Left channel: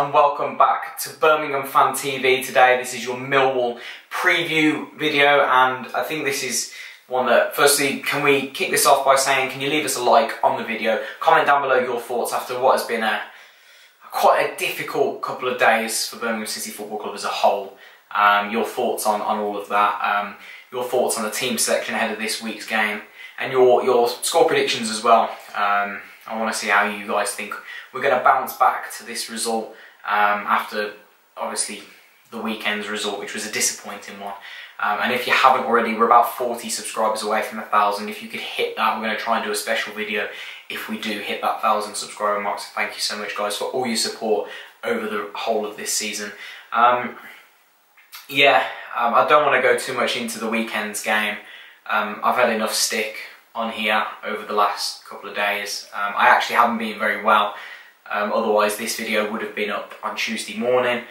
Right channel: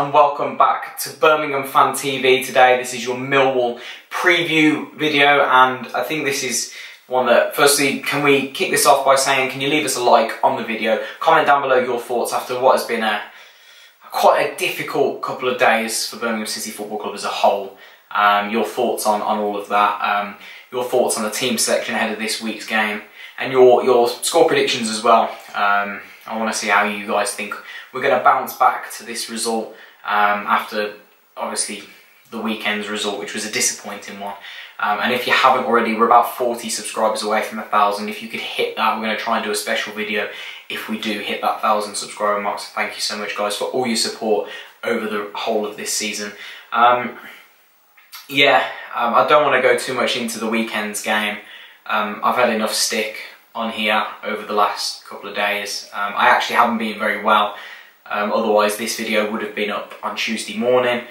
and welcome back to Birmingham Fan TV. Today this is your Millwall preview video, and I think this is one that, firstly, can we kick this off by saying, can you leave us a like on the video, comment down below your thoughts after what has been quite a difficult couple of days for Birmingham City Football Club as a whole. Your thoughts on all of that, your thoughts on the team selection ahead of this week's game, and your score predictions as well. I want to see how you guys think we're going to bounce back to this result after, obviously, the weekend's result, which was a disappointing one. And if you haven't already, we're about 40 subscribers away from 1,000. If you could hit that, we're going to try and do a special video if we do hit that 1,000 subscriber mark. So thank you so much, guys, for all your support over the whole of this season. I don't want to go too much into the weekend's game. I've had enough stick on here over the last couple of days. I actually haven't been very well. Otherwise this video would have been up on Tuesday morning.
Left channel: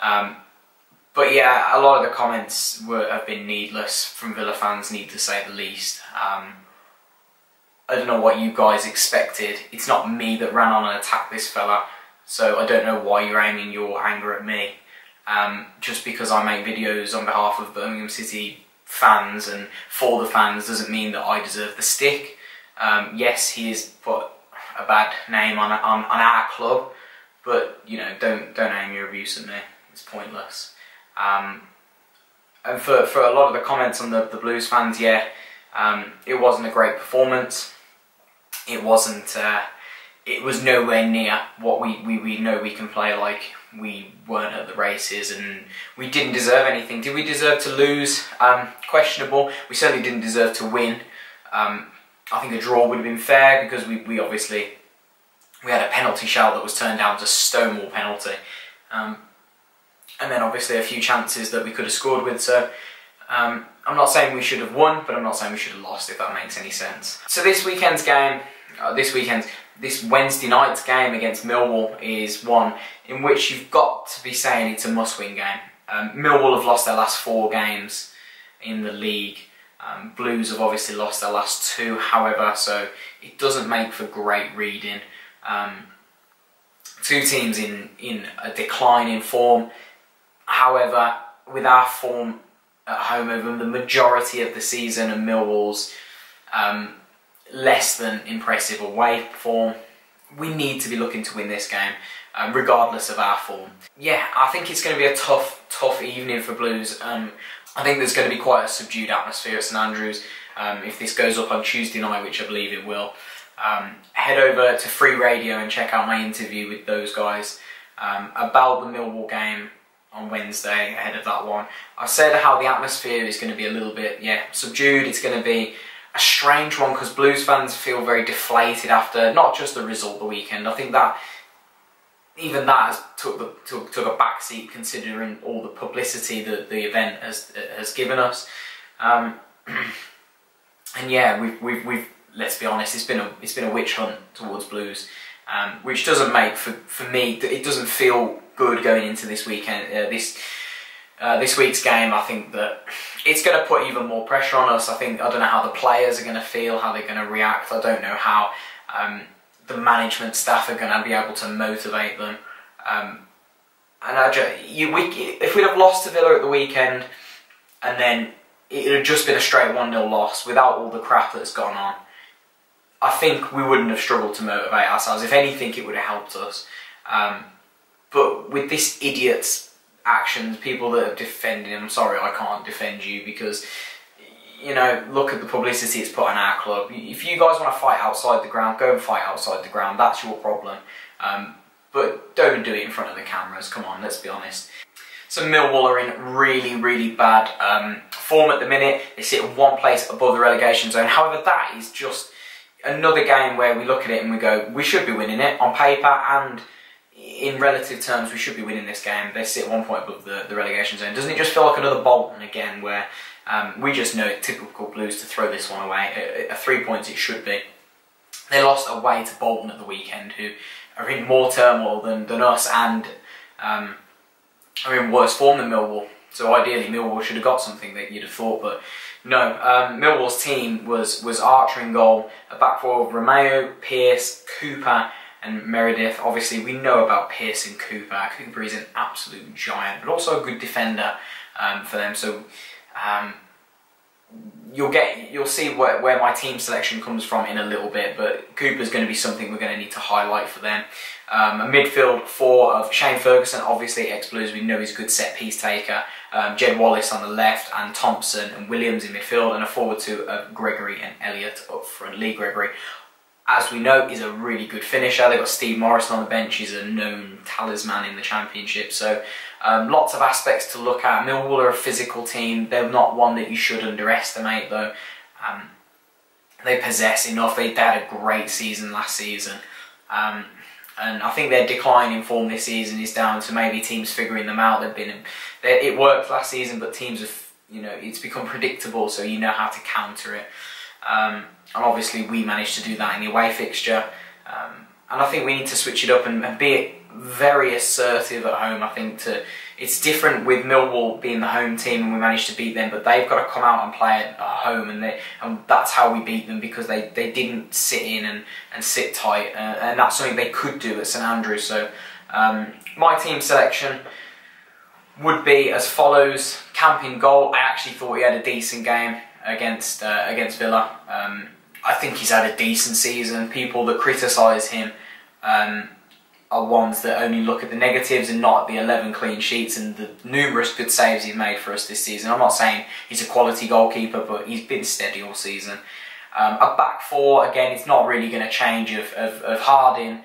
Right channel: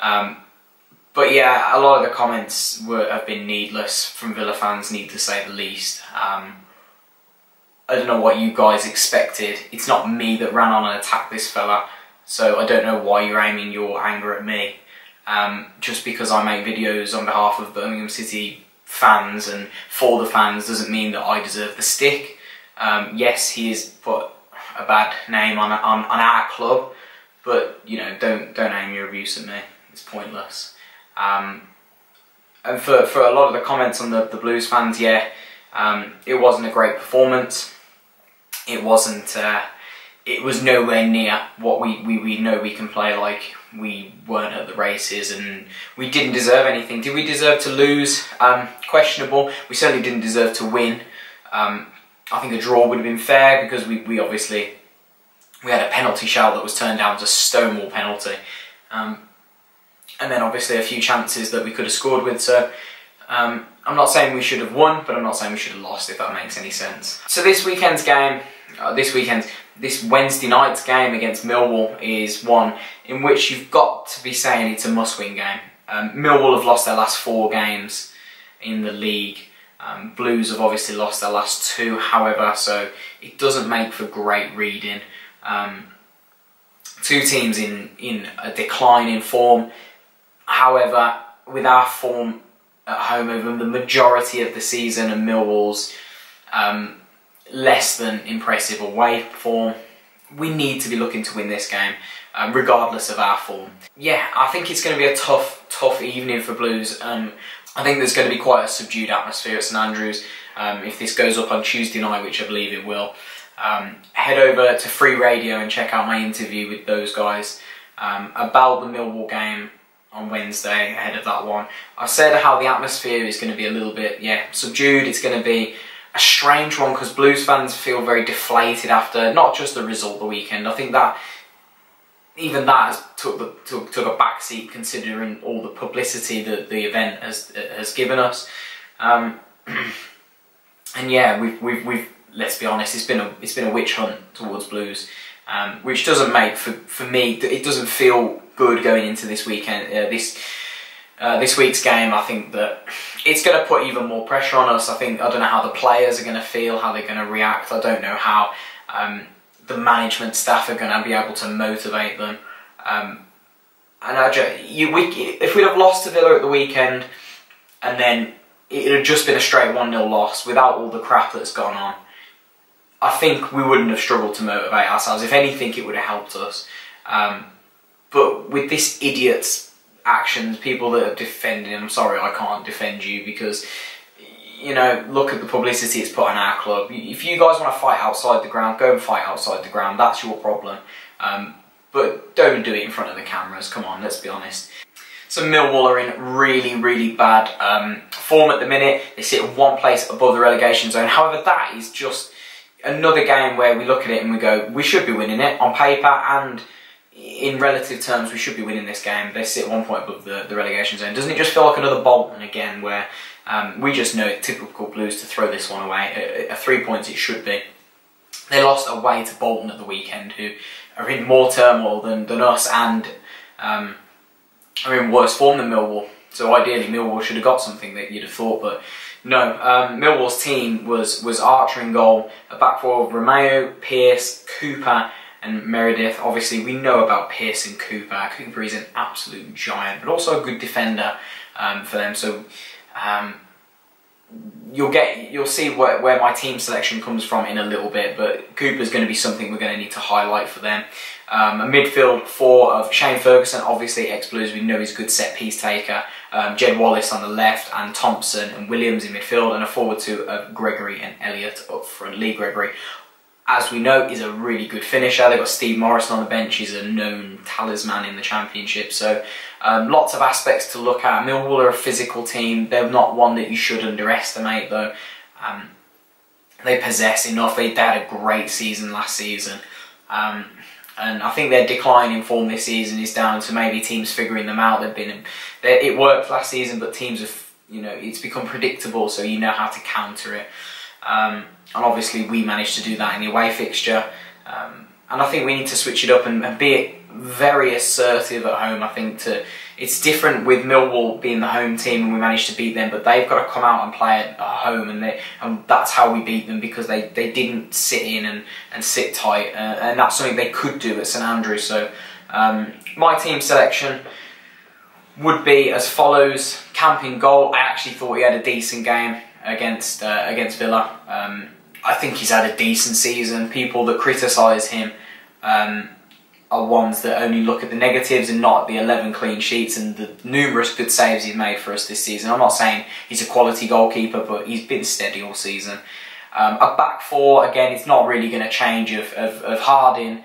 But yeah, a lot of the comments have been needless from Villa fans, need to say the least. I don't know what you guys expected. It's not me that ran on and attacked this fella, so I don't know why you're aiming your anger at me. Just because I make videos on behalf of Birmingham City fans and for the fans doesn't mean that I deserve the stick. Yes, he has put a bad name on our club, but you know, don't aim your abuse at me. It's pointless. And for a lot of the comments on the Blues fans, yeah, it wasn't a great performance. It wasn't. It was nowhere near what we know we can play like. We weren't at the races and we didn't deserve anything. Did we deserve to lose? Questionable. We certainly didn't deserve to win. I think a draw would have been fair because we obviously had a penalty shout that was turned down as a stonewall penalty. And then obviously a few chances that we could have scored with. So I'm not saying we should have won, but I'm not saying we should have lost, if that makes any sense. So this weekend's game, this Wednesday night's game against Millwall is one in which you've got to be saying it's a must-win game. Millwall have lost their last 4 games in the league. Blues have obviously lost their last 2, however, so it doesn't make for great reading. 2 teams in a decline in form. However, with our form at home over the majority of the season and Millwall's less than impressive away form, we need to be looking to win this game, regardless of our form. Yeah, I think it's going to be a tough evening for Blues. I think there's going to be quite a subdued atmosphere at St Andrews. If this goes up on Tuesday night, which I believe it will, head over to Free Radio and check out my interview with those guys about the Millwall game on Wednesday ahead of that one. I said how the atmosphere is going to be a little bit, subdued. It's going to be a strange one because Blues fans feel very deflated after not just the result the weekend. I think that even that has took a backseat considering all the publicity that the event has given us. And yeah, we've let's be honest, it's been a witch hunt towards Blues, which doesn't make for me. It doesn't feel good going into this weekend. This week's game, I think that it's going to put even more pressure on us. I don't know how the players are going to feel, how they're going to react. I don't know how the management staff are going to be able to motivate them. If we'd have lost to Villa at the weekend and then it had just been a straight 1-0 loss without all the crap that's gone on, I think we wouldn't have struggled to motivate ourselves. If anything, it would have helped us. But with this idiot's actions, people that are defending him, I'm sorry, I can't defend you because, you know, look at the publicity it's put on our club. If you guys want to fight outside the ground, go and fight outside the ground. That's your problem. But don't do it in front of the cameras. Come on, let's be honest. So Millwall are in really bad form at the minute. They sit 1 place above the relegation zone. However, that is just another game where we look at it and we go, we should be winning it on paper, and in relative terms, we should be winning this game. They sit 1 point above the relegation zone. Doesn't it just feel like another Bolton again, where we just know it's typical Blues to throw this one away? 3 points it should be. They lost away to Bolton at the weekend, who are in more turmoil than us and are in worse form than Millwall. So ideally, Millwall should have got something that you'd have thought, but no. Millwall's team was Archer in goal, a back four of Romeo, Pearce, Cooper, and Meredith. Obviously, we know about Pearson Cooper. Cooper is an absolute giant, but also a good defender for them. So you'll see where my team selection comes from in a little bit, but Cooper's going to be something we're going to need to highlight for them. A midfield four of Shane Ferguson, obviously ex-Blues, we know he's a good set-piece taker. Jed Wallace on the left, and Thompson and Williams in midfield, and a forward two of Gregory and Elliott up front. Lee Gregory, as we know, is a really good finisher. They've got Steve Morrison on the bench. He's a known talisman in the Championship. So lots of aspects to look at. Millwall are a physical team. They're not one that you should underestimate, though. They possess enough. They had a great season last season. And I think their decline in form this season is down to maybe teams figuring them out. It worked last season, but teams have, it's become predictable, so you know how to counter it. And obviously we managed to do that in the away fixture. And I think we need to switch it up and be very assertive at home. I think it's different with Millwall being the home team and we managed to beat them, but they've got to come out and play at home, and that's how we beat them, because they didn't sit in and sit tight, and that's something they could do at St Andrews. So my team selection would be as follows. Camp in goal. I actually thought he had a decent game against Villa. I think he's had a decent season. People that criticise him are ones that only look at the negatives and not at the 11 clean sheets and the numerous good saves he's made for us this season. I'm not saying he's a quality goalkeeper, but he's been steady all season. A back four, again, it's not really going to change of Harding,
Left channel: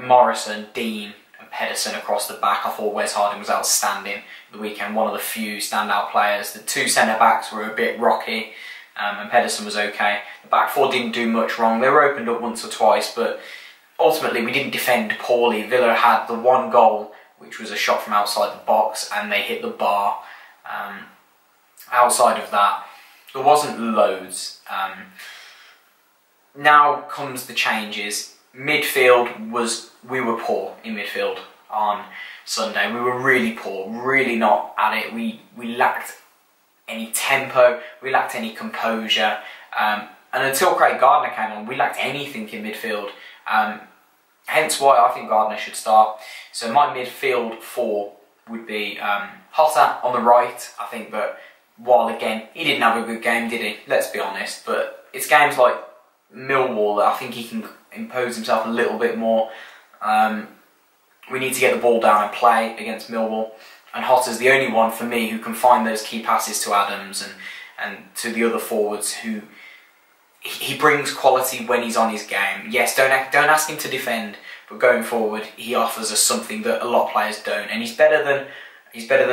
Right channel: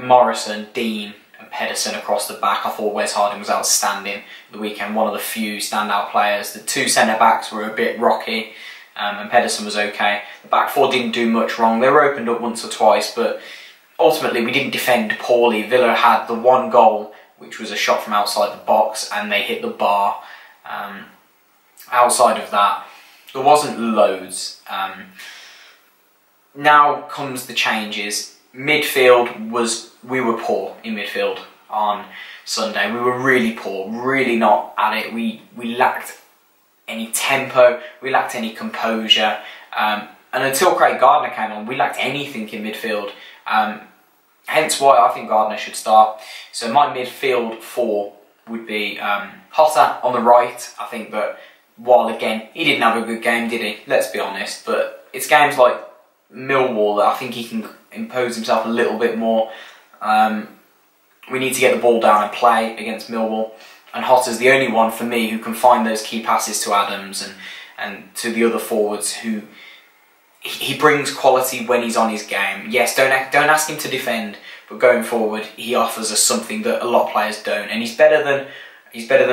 Morrison, Dean and Pedersen across the back. I thought Wes Harding was outstanding the weekend, one of the few standout players. The two centre-backs were a bit rocky, and Pedersen was okay. The back four didn't do much wrong. They were opened up once or twice, but ultimately we didn't defend poorly. Villa had the one goal, which was a shot from outside the box, and they hit the bar. Outside of that, there wasn't loads. Now comes the changes. Midfield we were poor in midfield on Sunday. We were really poor, really not at it. We lacked any tempo, we lacked any composure, and until Craig Gardner came on, we lacked anything in midfield. Hence why I think Gardner should start. So my midfield four would be Hotter on the right. I think that while again he didn't have a good game, did he? Let's be honest. But it's games like Millwall that I think he can impose himself a little bit more. We need to get the ball down and play against Millwall. And Hotter's the only one for me who can find those key passes to Adams and to the other forwards who he brings quality when he's on his game. Yes, don't ask him to defend, but going forward he offers us something that a lot of players don't, and he's better than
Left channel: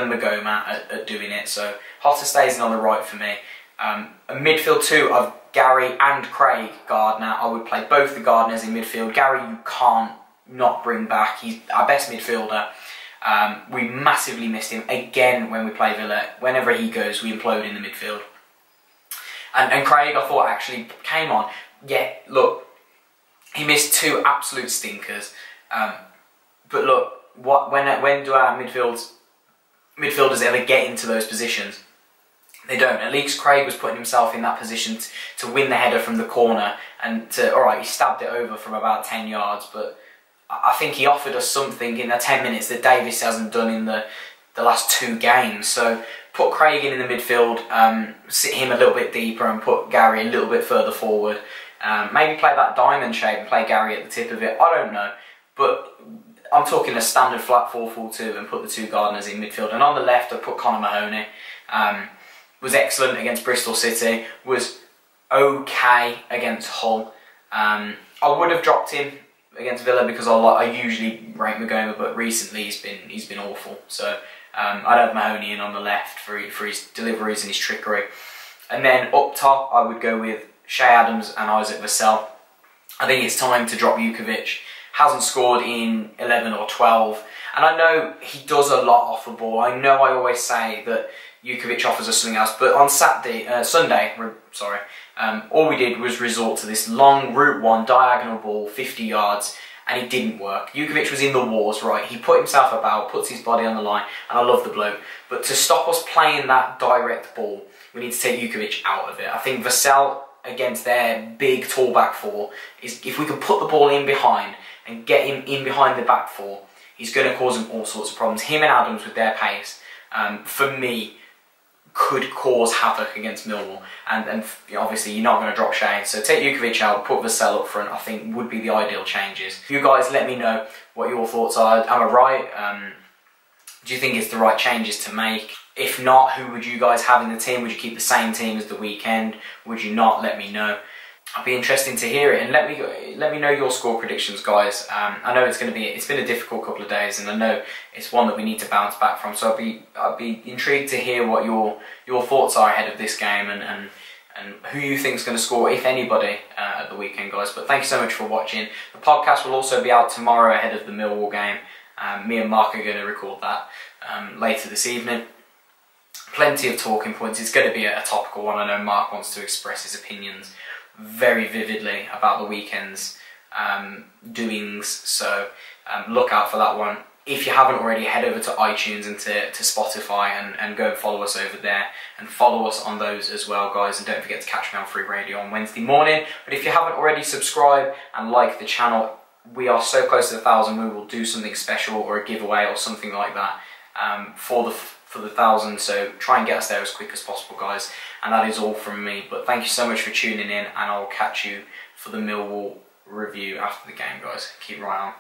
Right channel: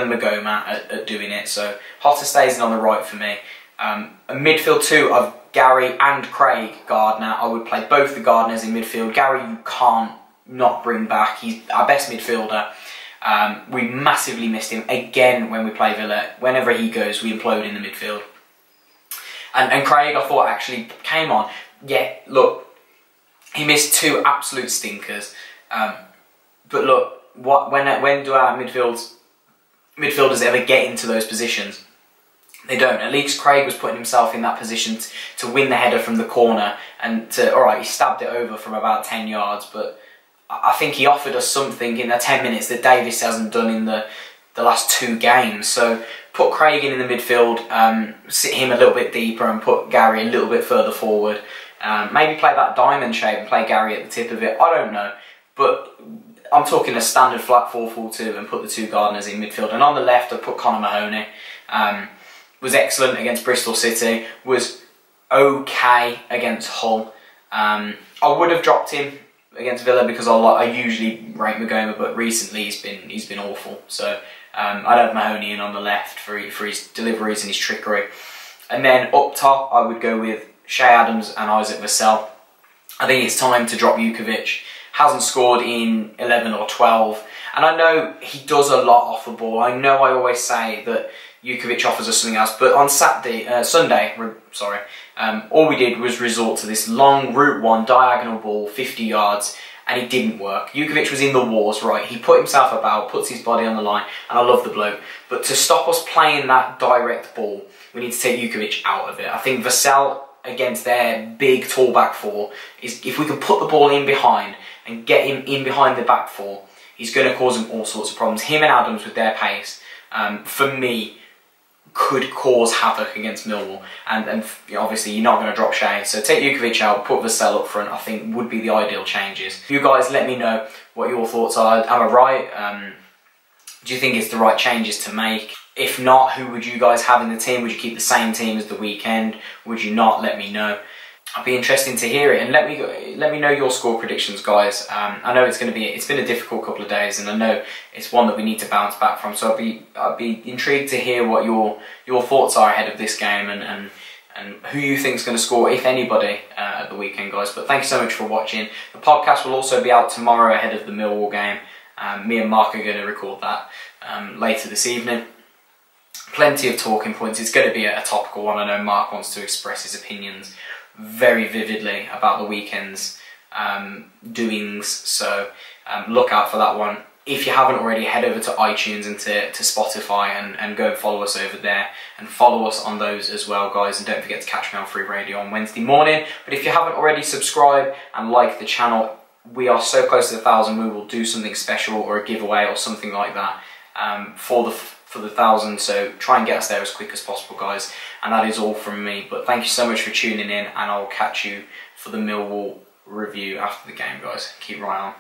Magoma at doing it. So Hotter stays in on the right for me. A midfield two of Garry and Craig Gardner. I would play both the Gardners in midfield. Garry you can't not bring back. He's our best midfielder. We massively missed him again when we play Villa. Whenever he goes, we implode in the midfield. And Craig, I thought, actually came on. Yeah, look, he missed two absolute stinkers. But look, when do our midfielders ever get into those positions? They don't. At least Craig was putting himself in that position to win the header from the corner and alright, he stabbed it over from about 10 yards, but I think he offered us something in the 10 minutes that Davis hasn't done in the last two games. So put Craig in the midfield, sit him a little bit deeper and put Garry a little bit further forward. Maybe play that diamond shape and play Garry at the tip of it. I don't know. But I'm talking a standard flat 4-4-2 and put the two Gardners in midfield. And on the left, I put Connor Mahoney. Was excellent against Bristol City. Was okay against Hull. I would have dropped him against Villa because I usually rate Magoma, but recently he's been awful. So I'd have Mahoney in on the left for his deliveries and his trickery. And then up top, I would go with Shea Adams and Isaac Vassell. I think it's time to drop Jukovic. Hasn't scored in 11 or 12, and I know he does a lot off the ball. I know I always say that Jukovic offers us something else, but on Sunday, all we did was resort to this long route one diagonal ball, 50 yards, and it didn't work. Jukovic was in the wars, right? He put himself about, puts his body on the line, and I love the bloke. But to stop us playing that direct ball, we need to take Jukovic out of it. I think Vassell against their big tall back four is if we can put the ball in behind and get him in behind the back four, he's going to cause them all sorts of problems. Him and Adams with their pace, for me, could cause havoc against Millwall. And obviously you're not going to drop Shea, so take Jukovic out, put Vassell up front, I think would be the ideal changes. You guys let me know what your thoughts are. Am I right? Do you think it's the right changes to make? If not, who would you guys have in the team? Would you keep the same team as the weekend? Would you not? Let me know. I'd be interested to hear it, and let me know your score predictions, guys. I know it's been a difficult couple of days, and I know it's one that we need to bounce back from. So I'd be intrigued to hear what your thoughts are ahead of this game, and who you think is going to score, if anybody, at the weekend, guys. But thank you so much for watching. The podcast will also be out tomorrow ahead of the Millwall game. Me and Mark are going to record that later this evening. Plenty of talking points. It's going to be a topical one. I know Mark wants to express his opinions very vividly about the weekend's doings, so look out for that one. If you haven't already, head over to iTunes and to Spotify and go and follow us over there, and follow us on those as well, guys. And don't forget to catch me on Free Radio on Wednesday morning. But if you haven't already, subscribe and like the channel. We are so close to 1,000, we will do something special or a giveaway or something like that for the 1,000, so try and get us there as quick as possible, guys. And that is all from me, but thank you so much for tuning in, and I'll catch you for the Millwall review after the game, guys. Keep right on.